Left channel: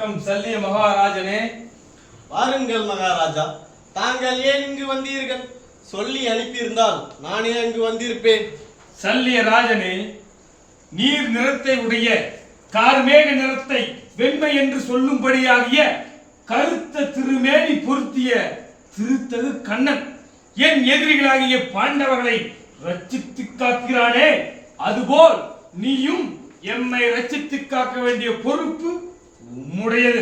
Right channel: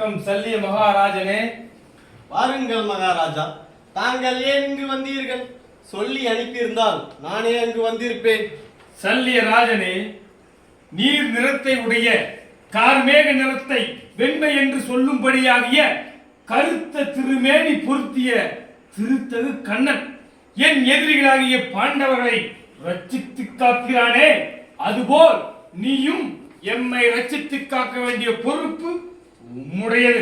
வணக்கம் சல்லிய மகாராஜனே. வாருங்கள் மகாராஜா. தாங்கள் ஏன் இங்கு வந்தீர்கள்? சொல்லி அனுப்பியிருந்தால் நானே அங்கு வந்திருப்பேன். சல்லிய ராஜனே, நீர் நிறத்தை உடைய கார்மேக நிறத்தை வெண்மை என்று சொல்லும்படியாகிய கருத்த திருமேனி பொருத்திய திருத்தகு கண்ணன் என் எதிரிகளாகிய பாண்டவர்களை ரட்சித்து காக்கிறானே, அதுபோல் நீயும் எம்மை ரட்சித்து காக்க வேண்டிய பொறுப்பு உம்முடையது.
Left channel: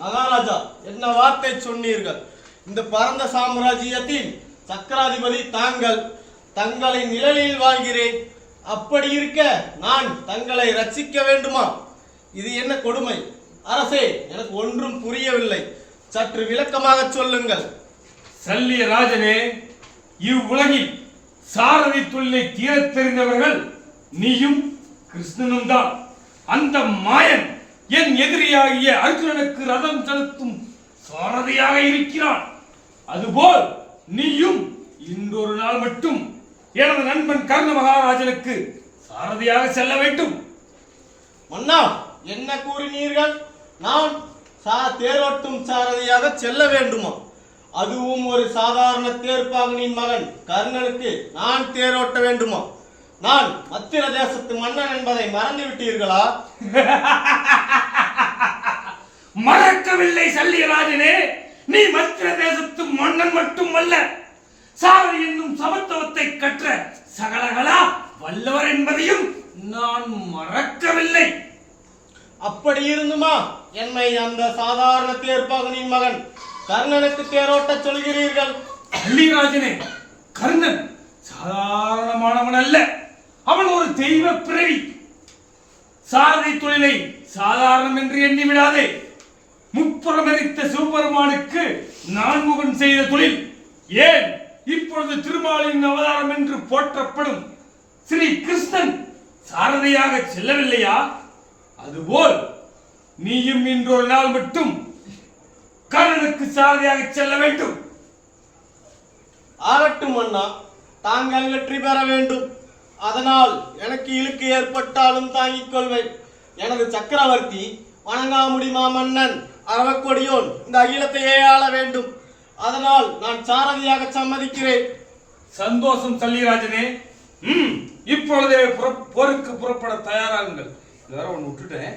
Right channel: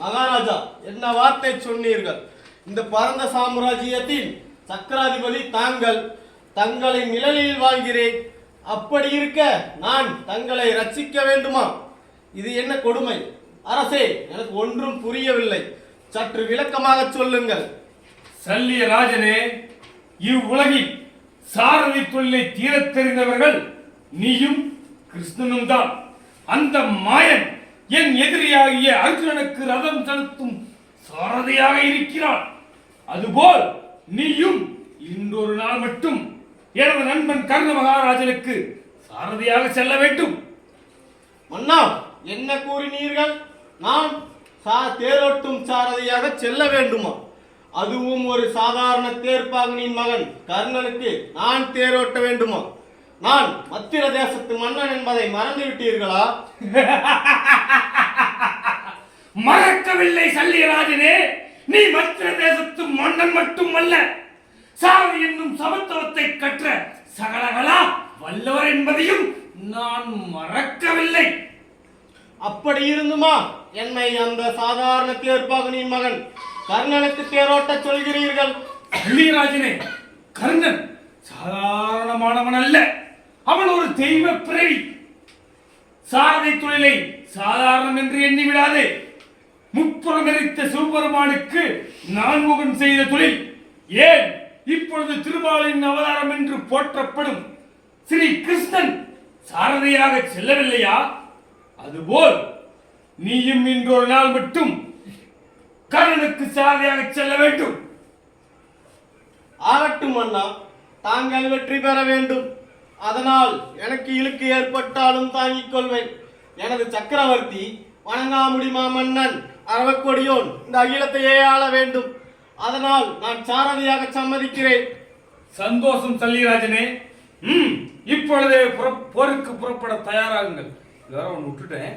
மகாராஜா, என்ன வார்த்தை சொன்னீர்கள்! இந்த பரந்த சாம்ராஜ்யத்தின் சக்கராதிபதி தாங்கள். தங்களின் நிழலில் வாழ்கிறேன். அப்படி இருக்க நான் தங்களை ரட்சிக்க வேண்டுமா? இது என்ன கொடுமை! அரசே, எனக்கு ஒன்றும் புரியவில்லை. சற்று விளக்கமாக சொல்லுங்கள். சல்லிய ராஜனே, இவ்வுலகில் சாரதி தொழிலை தீரத் தெரிந்தவர்கள் நீயும் கிருஷ்ணனும் தான். அந்த மாயன் என் எதிரியாகிய அர்ஜுனனுக்கு ரதம் செலுத்தும் சாரதியாக இருக்கிறான். அதுபோல் நீயும் இன்றொரு நாள் மட்டும் எனது நண்பன் கர்ண மகாராஜனுக்கு சாரதியாக செல்ல வேண்டும். மன்னா, என்ன கூறினீர்கள்? நான் தேரோட்டும் சாரதியாக செல்ல வேண்டுமா? அதுவும் ஒரு சாதாரண தேர்ப்பாகனின் மகன் கர்ணனுக்கு நான் தேரோட்ட வேண்டுமா? நான் மத்திர தேசத்து மன்னன் என்பதை மறந்து விட்டீர்களா? மறக்கவில்லை சல்லியராஜனே. நீ மத்திர தேசத்து மன்னன் மட்டுமல்ல, சாரதி என்னும் சமத்துவத்தை கற்ற சகலகலா வல்லவர் என்பதையும் நான் மறக்கவில்லை. அப்படி இருந்துமா என்னை அந்த சாதாரண தேர்ப்பாகனின் மகன் கர்ணனுக்கு தேரோட்ட சொல்கிறீர்கள்? சல்லியராஜனே, கர்ணன் சாதாரணமானவன் அல்ல. அவன் ஒரு தெய்வ பிறவி. சாரதி தொழிலை சாதாரணம் என்று எண்ணி விடாதே. முப்புறமெரித்த சிவபெருமானுக்கு நான்முகன் செய்த தொழில், ஏன் இப்பொழுது திருமாலின் அவதாரம் என்று போற்றப்படும் ஸ்ரீ கிருஷ்ணன் சாரதியாக செல்லவில்லையா? அதுபோல் நீயும் இன்றொரு நாள் மட்டும் கர்ணனுக்கு சாரதியாக செல்ல வேண்டும். ஆகட்டும் அண்ணா, தாங்கள் வெற்றி பெற வேண்டும். அதனால் எனக்கு இழுக்கு ஏற்பட்டாலும் தாங்கிக் கொள்வேன். எனது சக்கரவர்த்தி வணங்காமுடி மாமன்னன் அரவக்கொடியோன் இந்த அகிலத்தையே ஆள வேண்டும். அதனால் நான் சாரதியாக சம்மதிக்கிறேன். சந்தோஷம் சல்லியராஜனே. இப்பொழுதே போருக்கு புறப்பட தயாராகுங்கள். வேற ஒன்று விட்டுட்டேன்.